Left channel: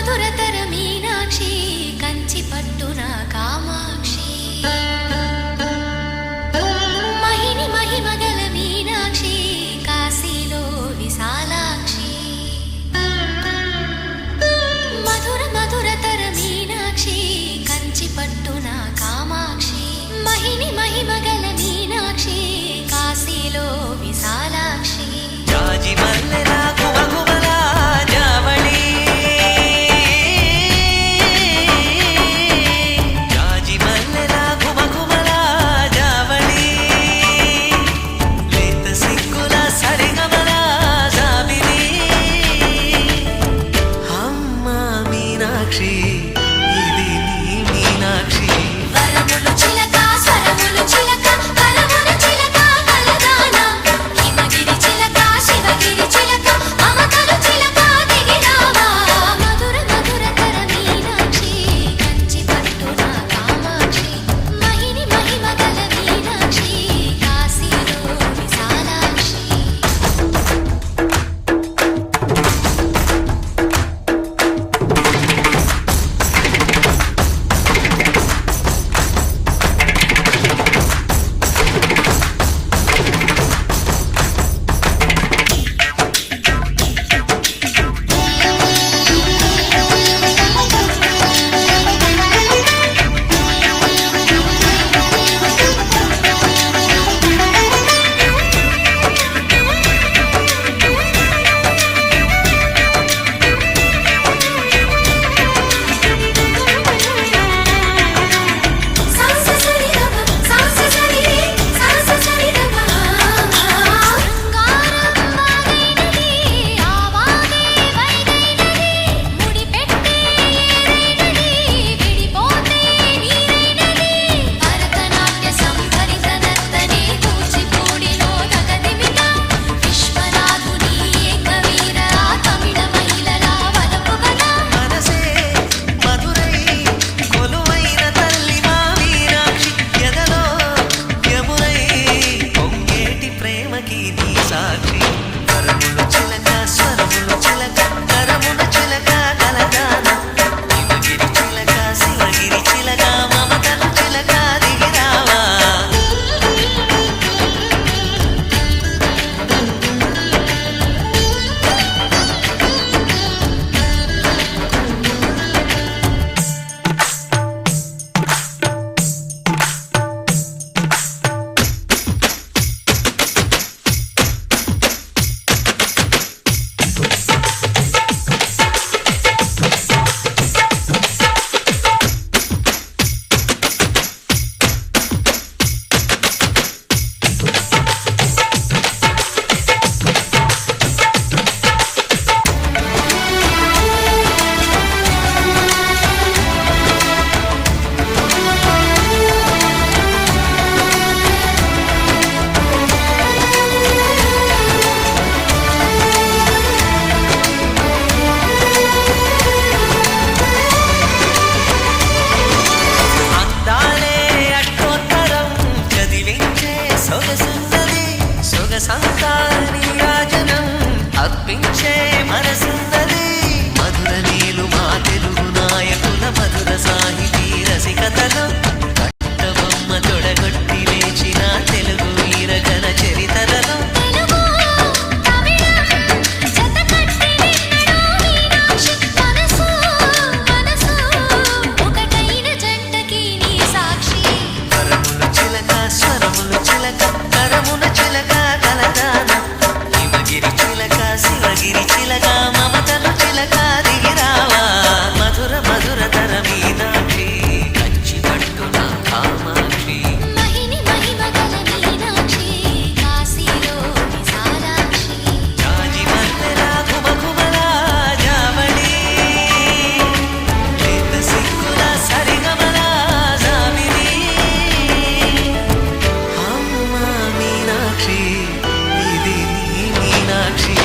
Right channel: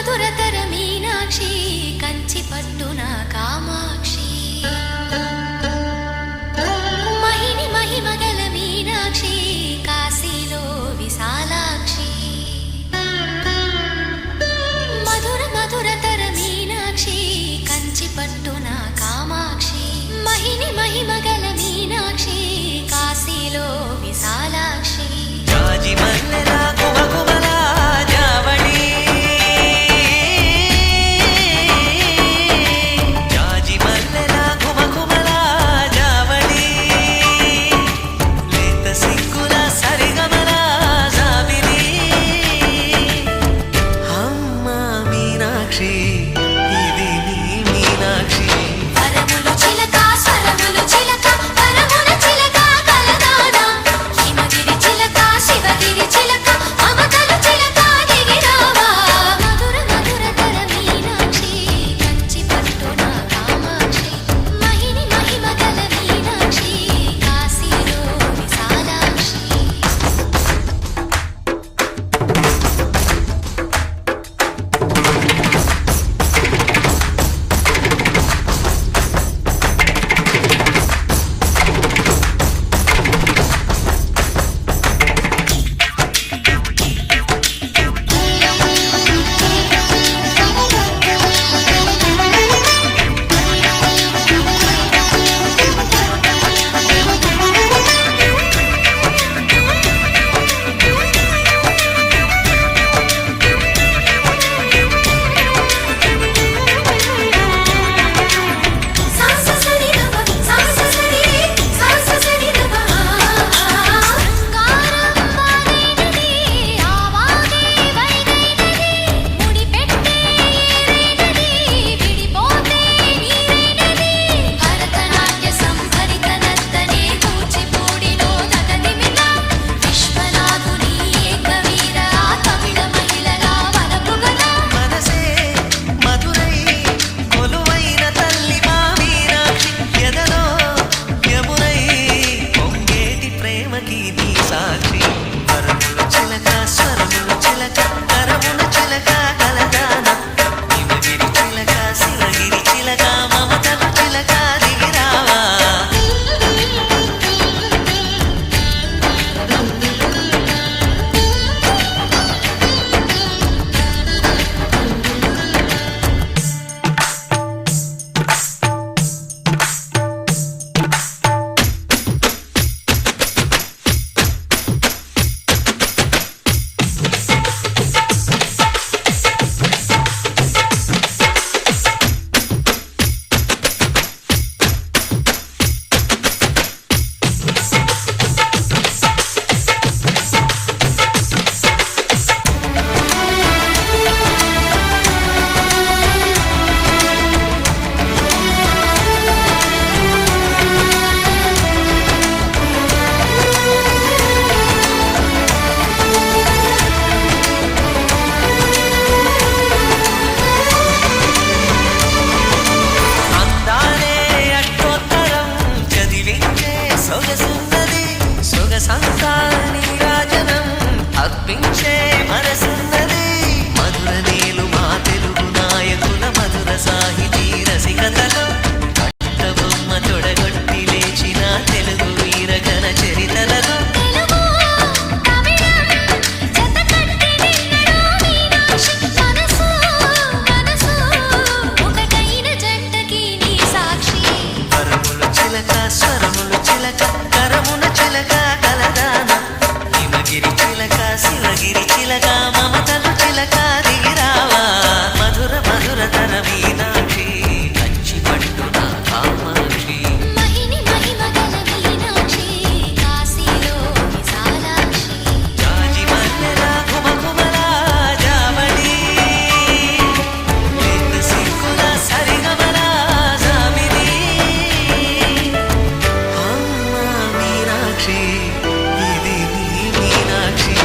మధురతర మీనాక్షి కంచి పట్టున కామాక్షి మహిని మహిమగల మీనాక్షి కాశీలో విశాలాక్షి మధుర మధురతర మీనాక్షి కంచి పట్టున కామాక్షి మహిని మహిమగల మీనాక్షి కాశీలో విశాలాక్షి జాజి మల్లెలా గుమగుమలా జావళి జాజి మల్లెలా గుమగుమలా జావళి లేత సిగ్గుల సరిగమల జాబిలి అమ్మ మీనాక్షి ఇది నీ మీనాక్షి సాక్షి వరములు చిలక స్వరములు చిలక కరమున చిలక కలదాన హిమగిరి చిలక శివగిరి చిలక మమతలు చిలక దిగిరావా సొగసున్నది సొగసంతా నీరాజనం అర్పించే మనసున్నది మధుర నేలు మా తెలుగు నాయకుల మధుర సాహితీ రసికతలో కట్టబొమ్మ తొడగొట్టి లేచిన తెలుగు వీరగణ చరితలలో స్వరములు చిలక కరమున చిలక కలదాన హిమగిరి చిలక శివగిరి చిలక మమతలు చిలక దిగిరావా మధుర మధురతర మీనాక్షి కంచి పట్టున కామాక్షి మహిని మహిమగల మీనాక్షి కాశీలో విశాలాక్షి జాజి మల్లెలా గుమగుమలా జావళి లేత సిగ్గుల సరిగమల జాబిలి మీనాక్షి ఇది నీ మీనాక్షి